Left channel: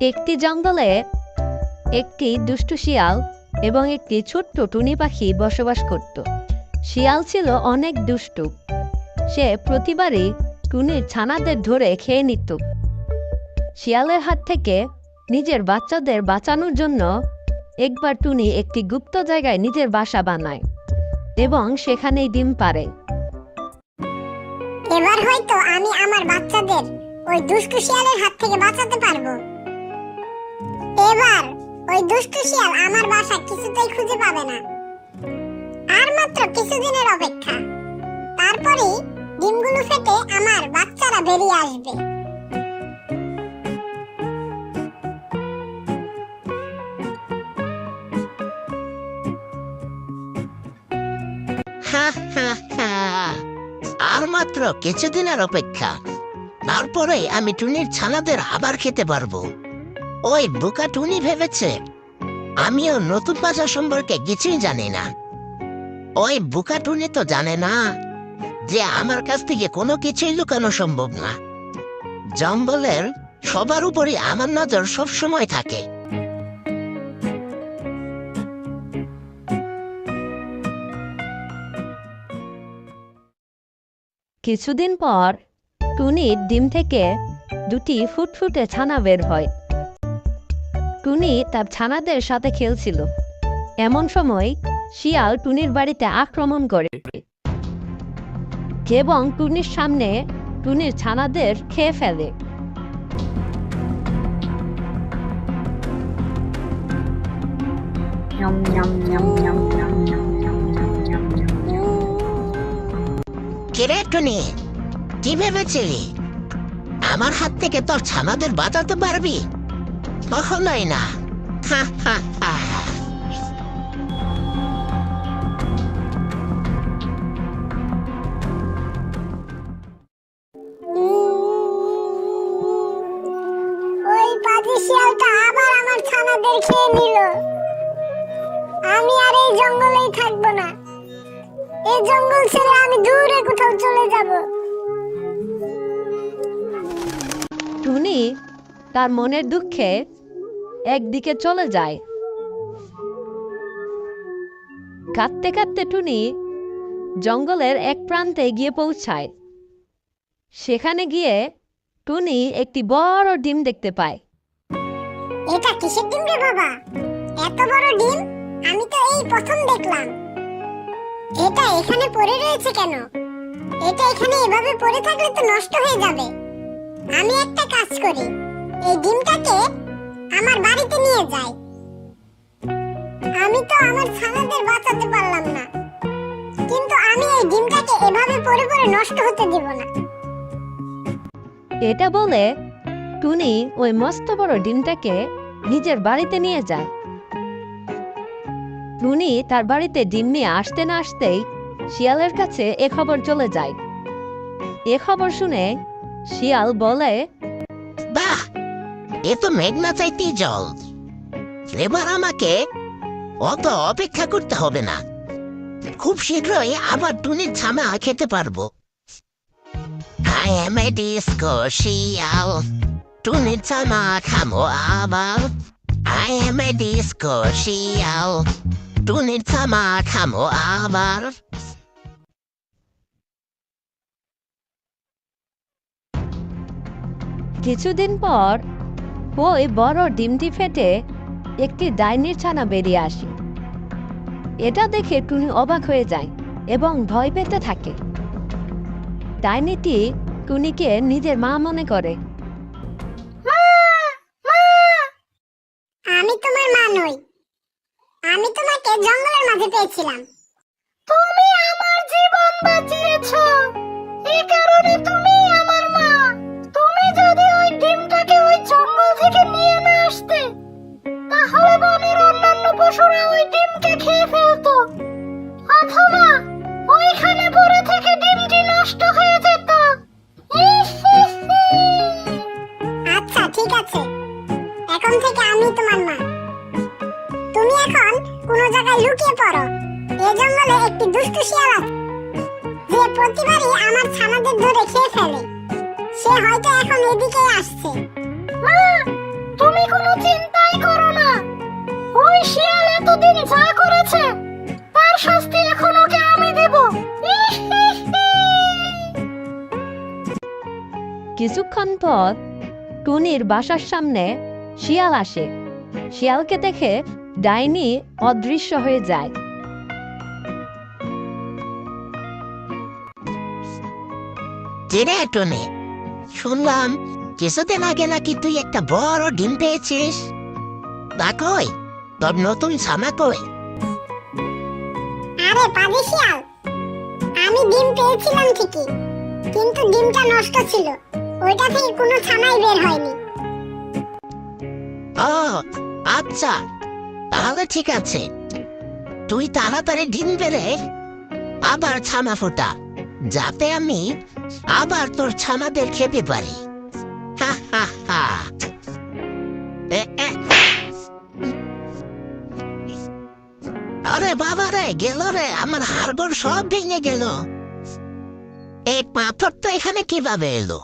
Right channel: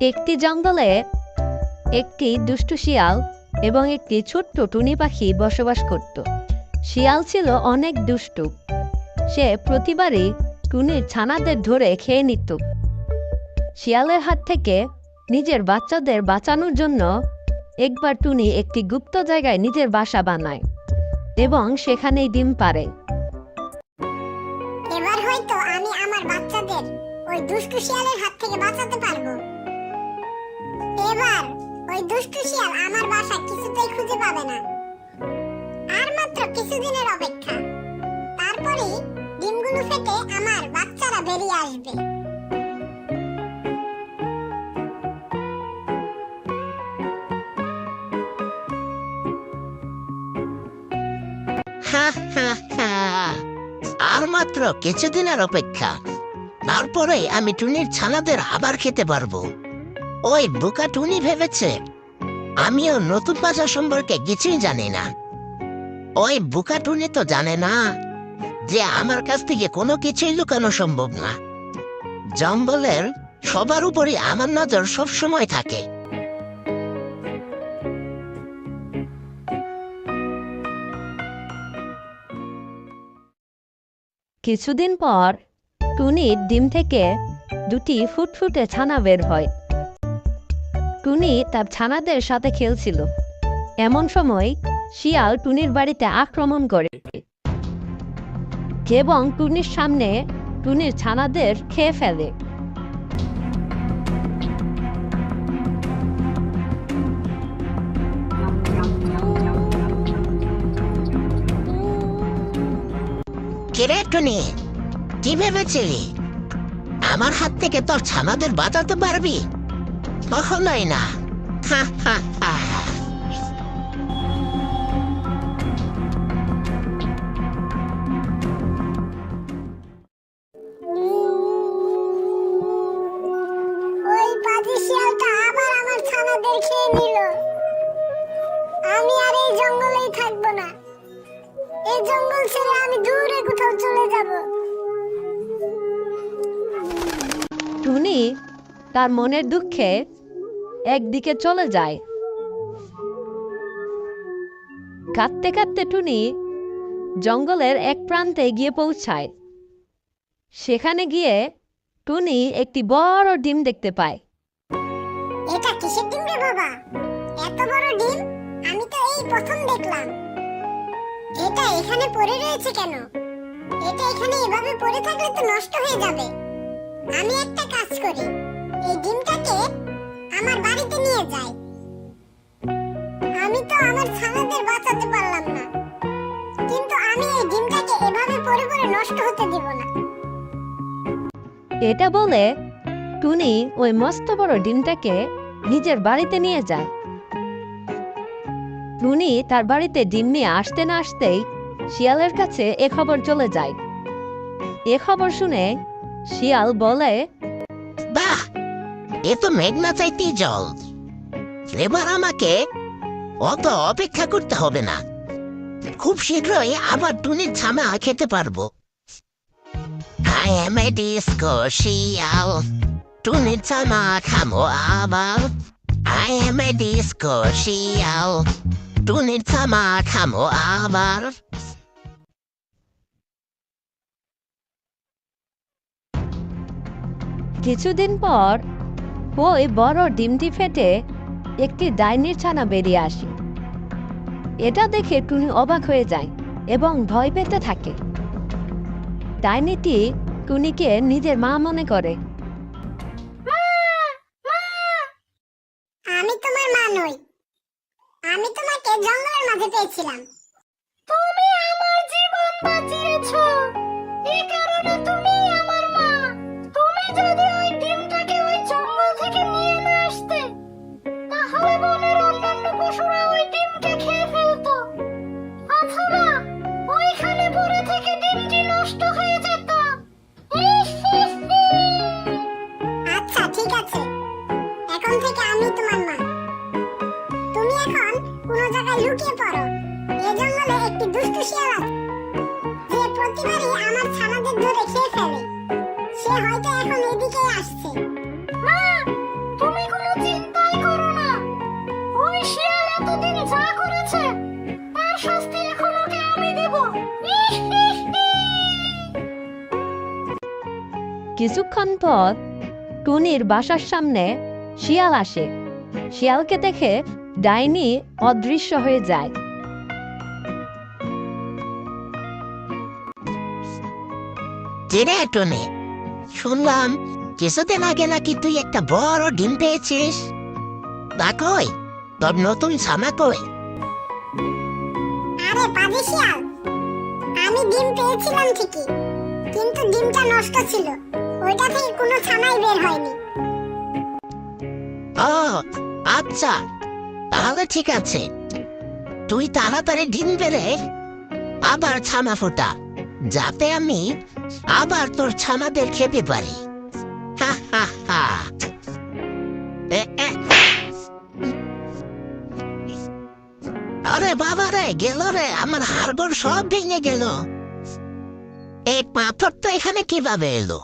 একটি জঙ্গলে একটি দুষ্টু শিয়াল এবং একটি ছোট্ট টুনি পাখি বসবাস করত। শিয়াল ছিল অনেক দুষ্টু। সে প্রতিবারই টুনির ছানাদের ধরে খেয়ে নিত। শিয়ালের হাত থেকে নিজের বাচ্চাদের বাঁচানোর জন্য একবার টুনি একটি গুপ্ত জায়গায় নিজের বাসা বানায় এবং সেখানেই ডিম পারে এবার হয়তো আমি আমার বাচ্চাদের ওই দুষ্টু শিয়ালের হাত থেকে বাঁচাতে পারব। ওই দুষ্টু শিয়াল আমার বাসা কিছুতেই খুঁজে পাবে না। আর মাত্র কিছুদিনের অপেক্ষা। তারপরেই ডিমগুলো ফেটে আমার বাচ্চারা বেরিয়ে আসবে। আর মাত্র কিছুদিনের অপেক্ষা। তারপরে আমি টুনির ছানাদের আবার খেতে পারব। ওই বোকা টুনি ভেবেছে। আমিও নতুন বাসা সম্পর্কে কিছুই জানি না। ওই বোকা টুনি তো জানে না যে আমার কাছ থেকে কোনো কিছুই লুকানো সম্ভব না। জঙ্গলের সবার উপরই আমার নজর সব সময় থাকে। কিছুদিন পর টুনির ডিম থেকে দুটি ফুটফুটে ছানা বের হয়। টুনি তার ছানাদের সাথে খেলছিল। এমন সময় শিয়াল টুনির বাড়িতে আক্রমণ করে। এবং টুনির সামনে টুনির ছানাদের খেয়ে ফেলে। কিরে টুনি? কি ভেবেছিলি? আমার হাত থেকে তোর ছানাদের বাঁচাতে পারবি? কখনোই না। হা হা হা। ওই পাজি শিয়ালটা আবার আমার ছানাদের খেয়ে নিল। আমি আর এই জঙ্গলেই থাকব না। এই জঙ্গল ছেড়ে আমি দূরে কোথাও চলে যাব। টুনি তার মনের দুঃখে একদিকে চলে যায়। কাঁদতে কাঁদতে টুনি জঙ্গলের এক প্রান্তে গিয়ে পৌঁছায়। সেখানে গিয়ে টুনি একটি বড় ডিম দেখতে পায়। এটা কিসের ডিম রে বাবা? এত বড় ডিম? আমি তো এই প্রথম দেখলাম। এটা এখানে পড়ে রয়েছে কেন? এটা এখানে এভাবে পড়ে থাকলে তো নষ্ট হয়ে যাবে। আমি একটা কাজ করি। এই আমার যাই। আমি তো আমার ছানাদের বাঁচাতে পারলাম না। কিন্তু আমি এই ডিমটাকে এভাবে পড়ে পড়ে নষ্ট হতে দেব না। এটা বলে টুনি ওই মস্ত বড় ডিমটাকে নিজের বাড়িতে নিয়ে যায়। টুনি তার বাড়িতে ডিম নিয়ে আসতে না আসতেই শিয়ালের কাছে এ খবর চলে যায়। এ খবর শুনে শিয়াল বলে বাহ! এ তো মেঘনা চাইতেই জল। এবার আমাকে অত অপেক্ষা করতে হবে না। খুব শীঘ্রই আবার টুনির ছানা খেতে পারব। I am a disco শিয়াল। টুনির ছানা খামো আবার। I am a disco শিয়াল। টুনির ছানা খামো আবার। কিছুদিন পর ওই বড় ডিমটি ফেটে একটি ডাইনির ছানা বেরিয়ে আসে। এটা দেখে টুনি অবাক হয়ে যায় এবং ভয় পেতে থাকে। ডাইনিটি টুনিকে নিজের মা মনে করে। আমি তোমার মা নই। আমি তোমাকে জঙ্গলের মাঝে পেয়েছিলাম। তুমি আমার জীবন বাঁচিয়েছো। এতদিন যা করেছে তার শাস্তি এখন ওকে আমি দেব। কিছুক্ষণ পর টুনির বাসার সামনে শিয়াল আসে। শিয়ালকে দেখে ডাইনি অদৃশ্য হয়ে যায়। কিরে টুনি? শুনলাম কিছুদিন আগে নাকি তুই একটা বড় ডিম পেয়েছিস। তা কই? তোর নতুন ছানা কই? আরে পাজি শিয়াল আমি ডিম পেয়েছিলাম ঠিকই কিন্তু ডিমটা নষ্ট ছিল। ওইটা থেকে কোনো ছানাই বের হয়নি। ও আচ্ছা তাহলে ঠিক আছে। তুই তাড়াতাড়ি ডিম বেড়ে আবার ছানা ফোটা যাতে আমি আবার তোর ছানাদের খেতে পারি। হা হা হা। বাবা রে গেল রে আমার হাড়গোড় সব ভেঙে গেল। এই পাথর তো এখানে কীভাবে এলো?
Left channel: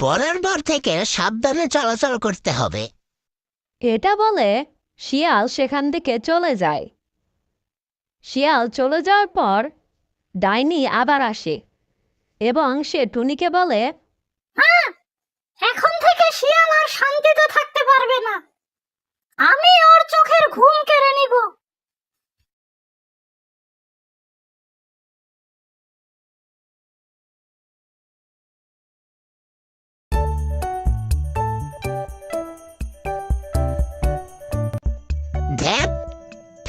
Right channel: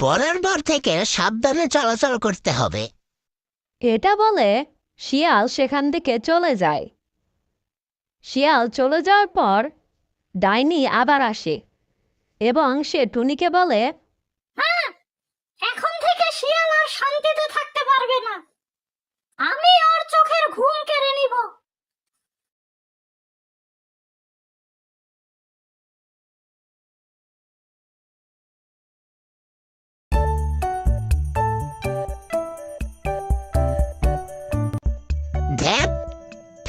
পরের বার থেকে সাবধানে চলাচল করতে হবে। এটা বলে শিয়াল সেখান থেকে চলে যায়। শিয়াল চলে যাওয়ার পর ডাইনি আবার আসে এবং সে টুনিকে বলে এখন থেকে শিয়াল আর শান্তিতে থাকতে পারবে না। আমি ওর চোখের ঘুম কেড়ে নিব।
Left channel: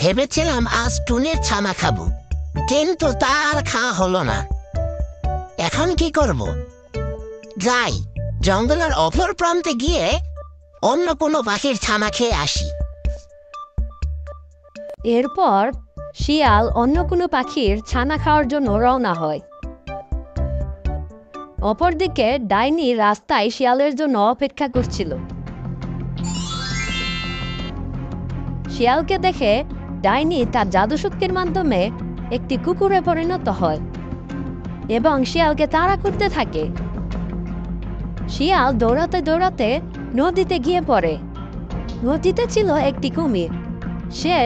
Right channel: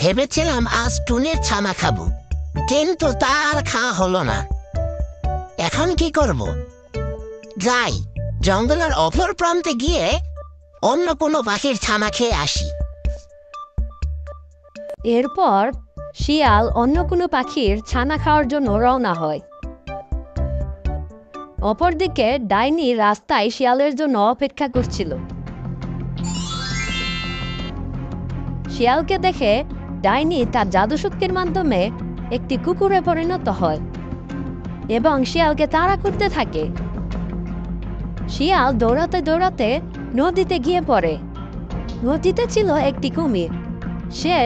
ভেবেছিলাম আজ টুনের ছানা খাব, কিন্তু তার খাওয়া হলো না। এখন কি করব? যাই, জঙ্গলের অপর প্রান্তে গিয়ে অন্য কোনো পাখির ছানা খেয়ে আসি। এরপর শিয়াল অন্য কোনো পাখির ছানা খাওয়ার জন্য রওনা হয়। অপরদিকে ডাইনি রাস্তায় শিয়ালের জন্য অপেক্ষা করছিল। শিয়ালকে দেখে ডাইনি তার জাদুশক্তির মাধ্যমে একটি কুকুরে পরিণত হয় এবং শিয়ালকে তাড়া করতে থাকে। শিয়াল দৌড়াতে দৌড়াতে নদীতে গিয়ে পড়ে। নদীতে ছিল একটি কুমির। সে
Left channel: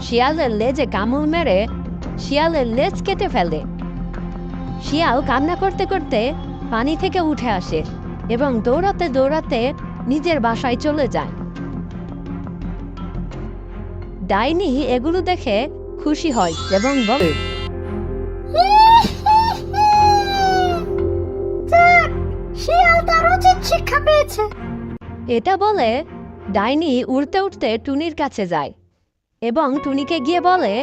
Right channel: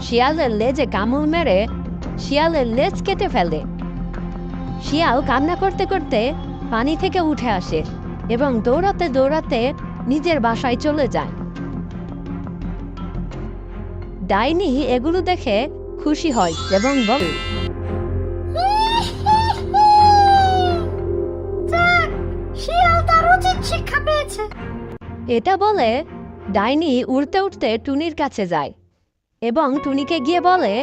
শিয়ালের লেজে কামড় মেরে শিয়ালের লেজ কেটে ফেলে। শিয়াল কান্না করতে করতে পানি থেকে উঠে আসে এবং দৌড়াতে দৌড়াতে নিজের বাসায় চলে যায়। ডাইনি এগুলো দেখে খুশি হয় এবং বলে এটা বলে ডাইনি উড়তে উড়তে টুনির কাছে যায় এবং টুনিকে গিয়ে বলে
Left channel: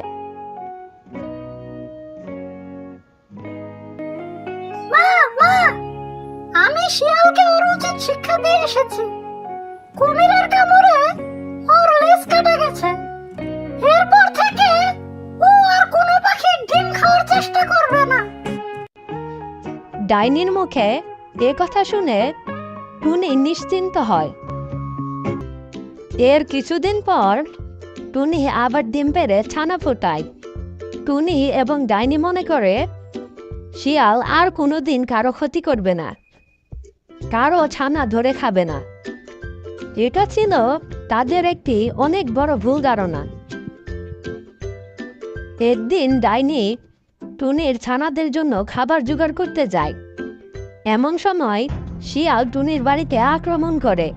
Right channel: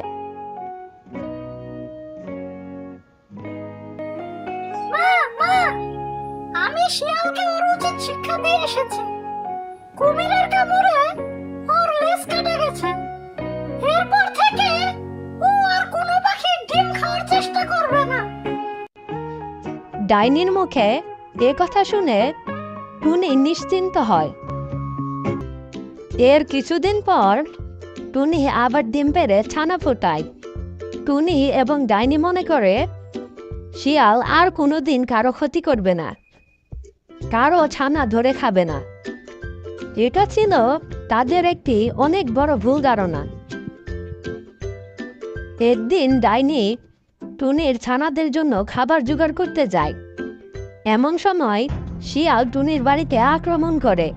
আমি শিয়ালকে ওর উচিত শিক্ষা দিয়ে এসেছি। কুমিরের ডাইনির মুখে এ কথা শুনে টুনি নিশ্চিন্ত হয়। এর কিছুদিন পর টুনি আবার ডিম পেরে ছানা ফোটায়। টুনি এবং ডাইনি মনে করে, শিয়াল আর কোনোদিন কারও ক্ষতি করবে না, কারও ছানা ধরে খাবে না। এটা ছিল তাদের একটি অনেক বড় ভুল ধারণা। একদিন ডাইনি টুনির ছানাদের জন্য খাবার জোগাড় করতে যায়। এমন সময় শিয়াল টুনির বাড়িতে আক্রমণ করে।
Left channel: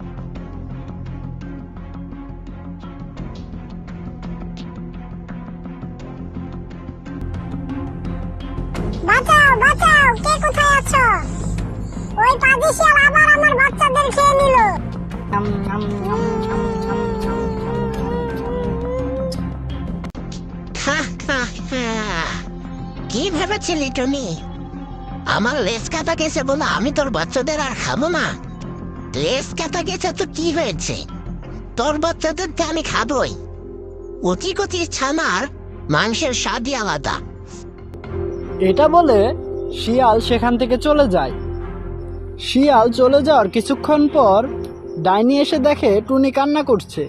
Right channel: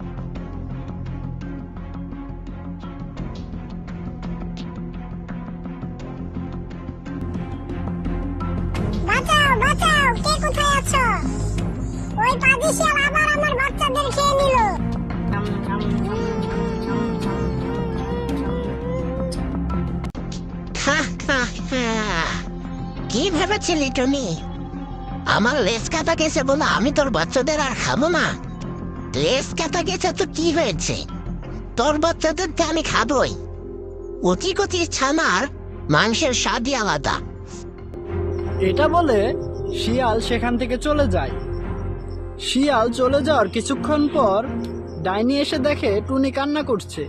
বাঁচাও বাঁচাও কে কোথায় আছো? ওই পাজি শিয়াল আবার আমার বাচ্চাদের খেয়ে নিল। কি ভেবেছিলি টুনি? আমার লেজ কাটা গেছে বলে আমি তোর বাচ্চাদের আর খাব না। লেজ কাটা গেছে তো কি হয়েছে? তোর বাচ্চাদেরকে আমি খাবই। অতি কতি ছানার মাংসের স্বাদই আলাদা। এটা বলে শিয়াল সেখান থেকে চলে যায়। শিয়াল চলে যাওয়ার কিছুক্ষণ পর ডাইনি এসে দেখে টুনি কান্না করছে।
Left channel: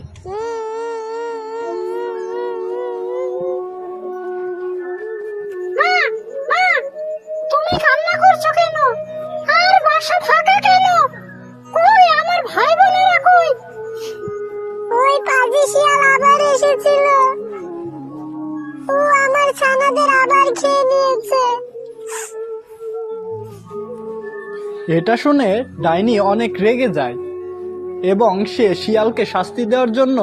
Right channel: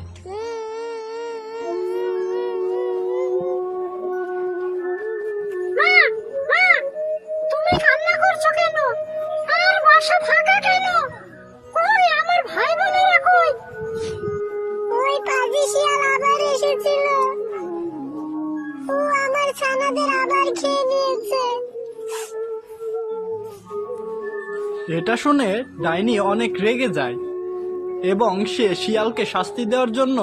শিয়াল আবার এসেছিল। ও আমার ছানাদের আবার খেয়ে নিয়েছে। এটা শুনে ডাইনি অনেক রেগে যায় এবং সে শিয়ালকে শাস্তি দেওয়ার জন্য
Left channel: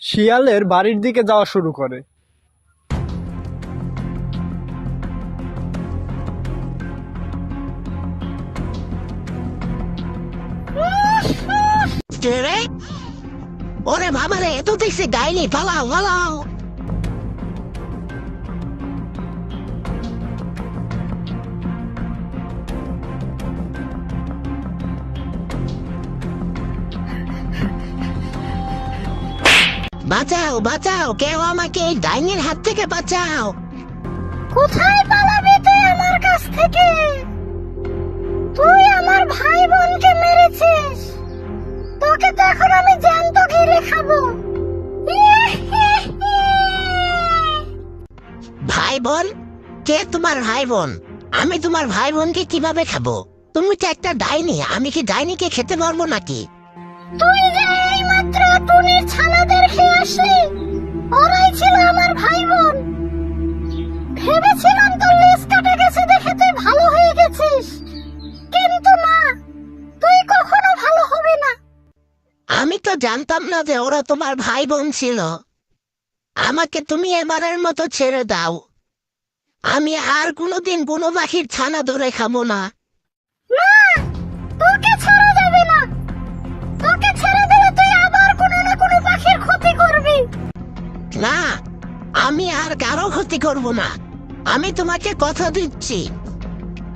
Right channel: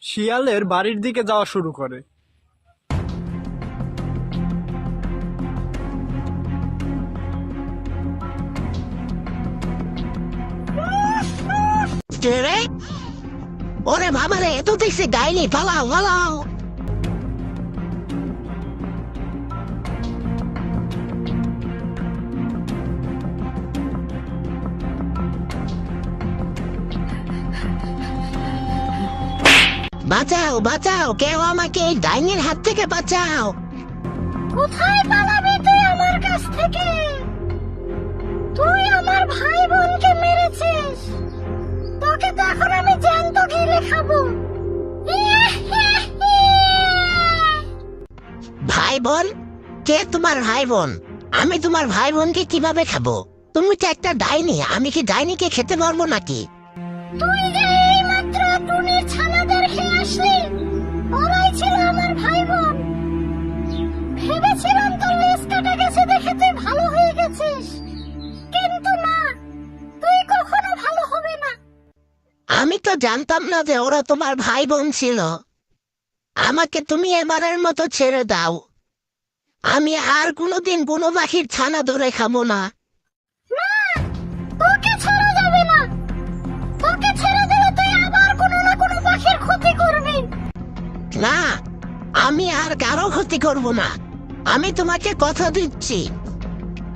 শিয়ালের বাড়ির দিকে যাওয়া শুরু করে। কে রে? ওরে বাবা রে এত দেখছি ডাইনি, পালাও পালাও। বাঁচাও বাঁচাও, কেউ আমাকে এই ডাইনির হাত থেকে বাঁচাও। কোথায় পালাবি তুই আমার কাছ থেকে? তুই আমার ভাই বোনকে মেরেছিস। তোকে তো এখন আমি ভাই বোন কে তোমার ভাই বোন আমি তোমার ভাই বোনকে কীভাবে খাব? তুমি তো একটা ডাইনি আমি কি ডাইনিকে খেতে পারব নাকি? তুই যে এইমাত্র টুনির ছানাদের খেয়ে আসলি ওরাই ছিল আমার ভাই বোন ভেবেছিলাম তোর লেজ কাটা গেছে দেখে তুই ভালো হয়ে গেছিস। কিন্তু না তুই কখনো ভালো হবে না। আমি তো জানতাম না যে ওরা তোমার ভাই বোন ছিল। আমাকে তুমি এবারের মতো ছেড়ে দাও। আমি আর কোনোদিন কোনো পাখির ছানা ধরে খাব না। না তোকে ছাড়া যাবে না। তোকে ছেড়ে দিলে তুই আবার কোনো না কোনো পাখির ক্ষতি করবি। না আমি আর কারও ক্ষতি করব না। আমি তোমাকে কথা দিচ্ছি।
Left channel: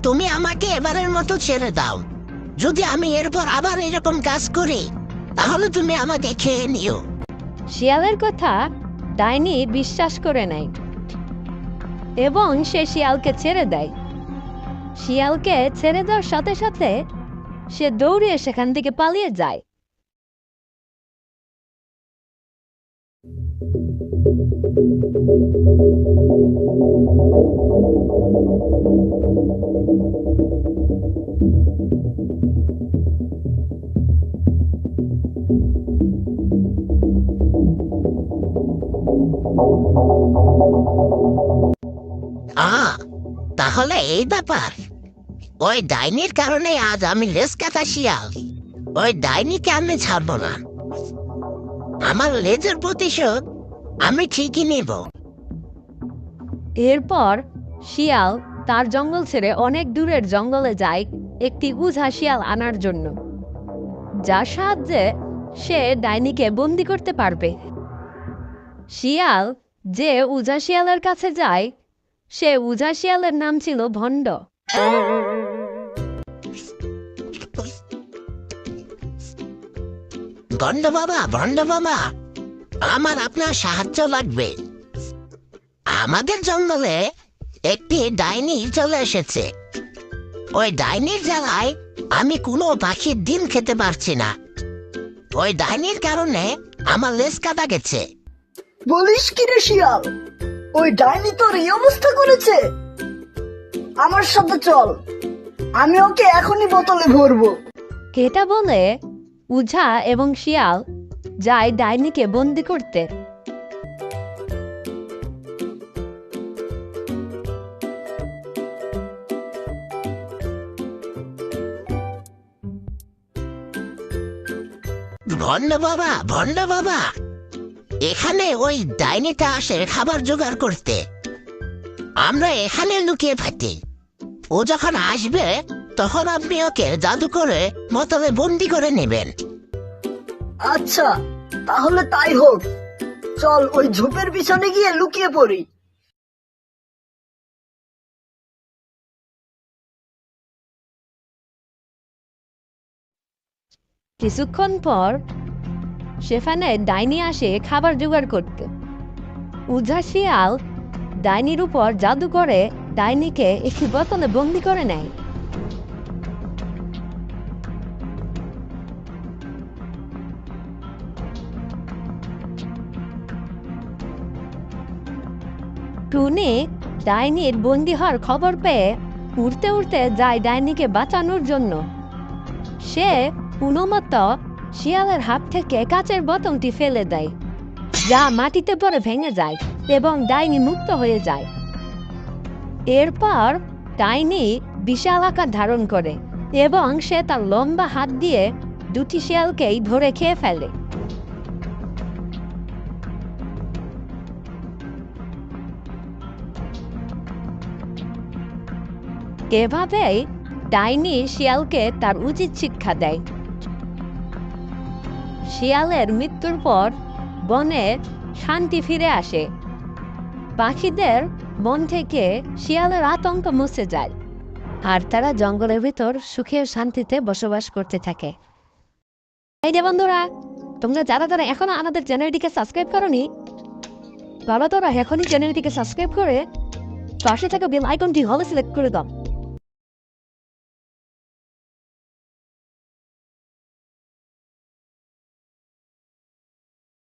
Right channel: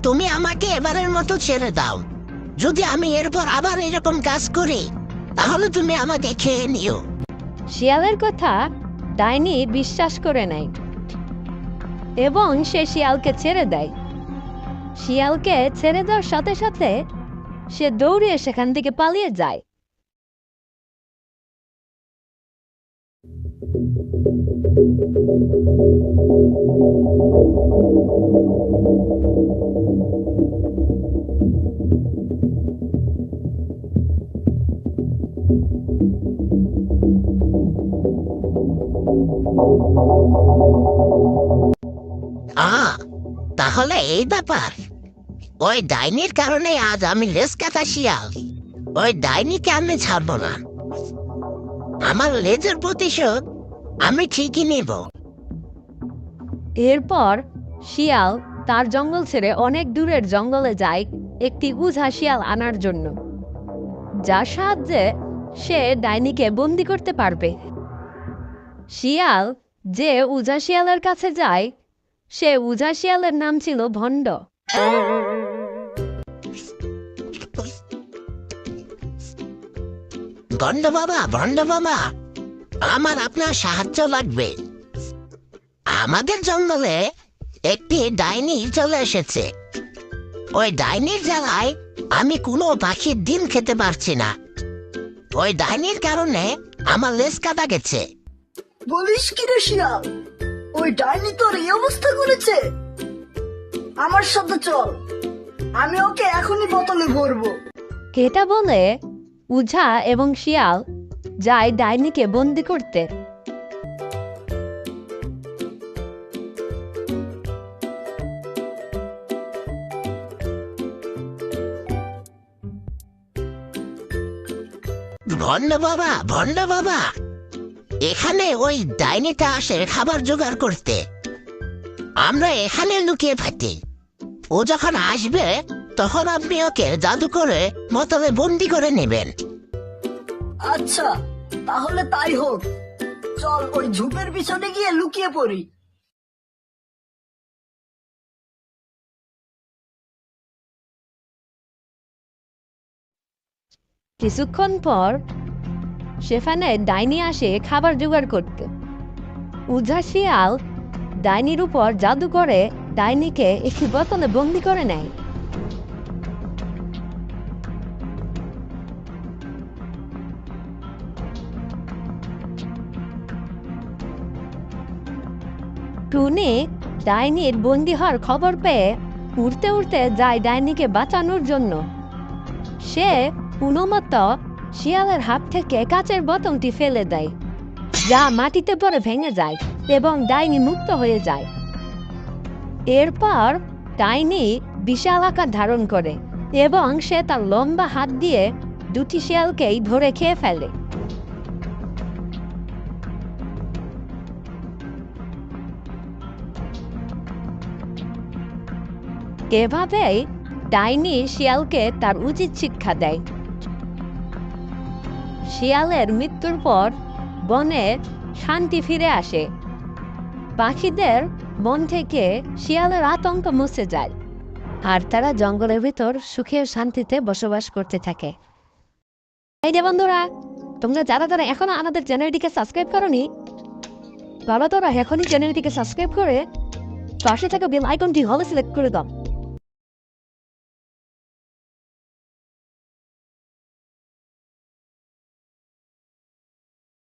তুমি আমাকে এবারের মতো ছেড়ে দাও। যদি আমি এরপর আবার এরকম কাজ করি তাহলে তুমি আমাকে খেয়ে নিও। শিয়ালের কথা ডাইনি বিশ্বাস করে নেয় এবং সে শিয়ালকে ছেড়ে দেয়। শিয়ালকে ছেড়ে দেওয়ার সাথে সাথে সে দৌড়ে সেখান থেকে পালিয়ে যায়। আ তাহলে এই ব্যাপার। ওই ডাইনির কারণে আজ আমি লেজ কাটা শিয়াল ওই ডাইনিকে আমি ছাড়বো না। আমার লেজের প্রতিশোধ আমি ঠিকই নেব। এরপর শিয়াল তার জঙ্গল ছেড়ে অনেক দূরের জঙ্গলে যায় একটি উঝা শিয়াল আনার জন্য, যার সাহায্যে সে ডাইনিকে বন্দি করতে পারবে। শিয়াল যে উজা শিয়ালের কাছে যায় সে উজা শিয়ালের নাম ছিল ভণ্ড। ভণ্ড বাবা ভণ্ড বাবা আমার আপনার সাহায্য লাগবে। আমাদের জঙ্গলে একটি ডাইনি চলে এসেছে। ওই ডাইনির জ্বালায় আমি কোনো পাখির ডিম খেতে পারছি না। ওই ডাইনির কারণে আমার লেজ কাটা গেছে। বলিস কি রে শিয়াল? ওই ডাইনি তোর এই অবস্থা করেছে? আমার সাথে চল। আমি ওকে এখনই বোতলে ভরবো। কেটা বলে উঝা এবং শিয়াল যায় ডাইনিকে বন্দি করতে। ভণ্ড বাবা ভণ্ড বাবা। এখানে ওই ডাইনিটা আসে খাবার জোগাড় করতে। আমরা এখানে লুকিয়ে থাকি। ও যখন আসবে তখন আপনি ওকে জাদু করে বোতলে বন্দি করে নেবেন। আচ্ছা তাহলে তাই হোক। চল ওই ঝোপের পিছনে গিয়ে লুকিয়ে পড়ি। কিছুক্ষণ পর সেখানে ডাইনি আসে খাবার জোগাড় করতে। উজা শিয়াল ডাইনির উপর জাদু করে, ডাইনিকে একটি বোতলে বন্দি করে নেয়। টুনি ডাইনির বন্দি হওয়ার খবর পেয়ে উড়তে উড়তে যায় ডাইনিকে বাঁচানোর জন্য। সে উনমত শিয়ালের হাত থেকে কাচের বোতলটি ফেলে দেয়। যা মাটিতে পরে ভেঙে যায় এবং ডাইনি মুক্ত হয়ে যায়। এরপর ডাইনি বিশাল আকার ধারণ করে এবং সে তার লম্বা হাত দিয়ে দুটি শিয়ালকেই ধরে খেয়ে ফেলে। এভাবেই ডাইনি শিয়ালকে তার উচিত শিক্ষা দেয়। শিয়ালের মৃত্যুর পর বনে শান্তি ফিরে আসে। পাখিদের মন থেকে শিয়ালের আতঙ্ক মুছে যায় আর তারা জঙ্গলের ভিতর সুখে শান্তিতে বসবাস করতে থাকে। এই যে বন্ধুরা, তোমরা যারা যারা এখনও আমাদের চ্যানেলটিকে সাবস্ক্রাইব করনি তারা তারা এখনই চ্যানেলটিকে সাবস্ক্রাইব করে পাশে থাকা বেল আইকনটি হলে সিলেক্ট করে দাও।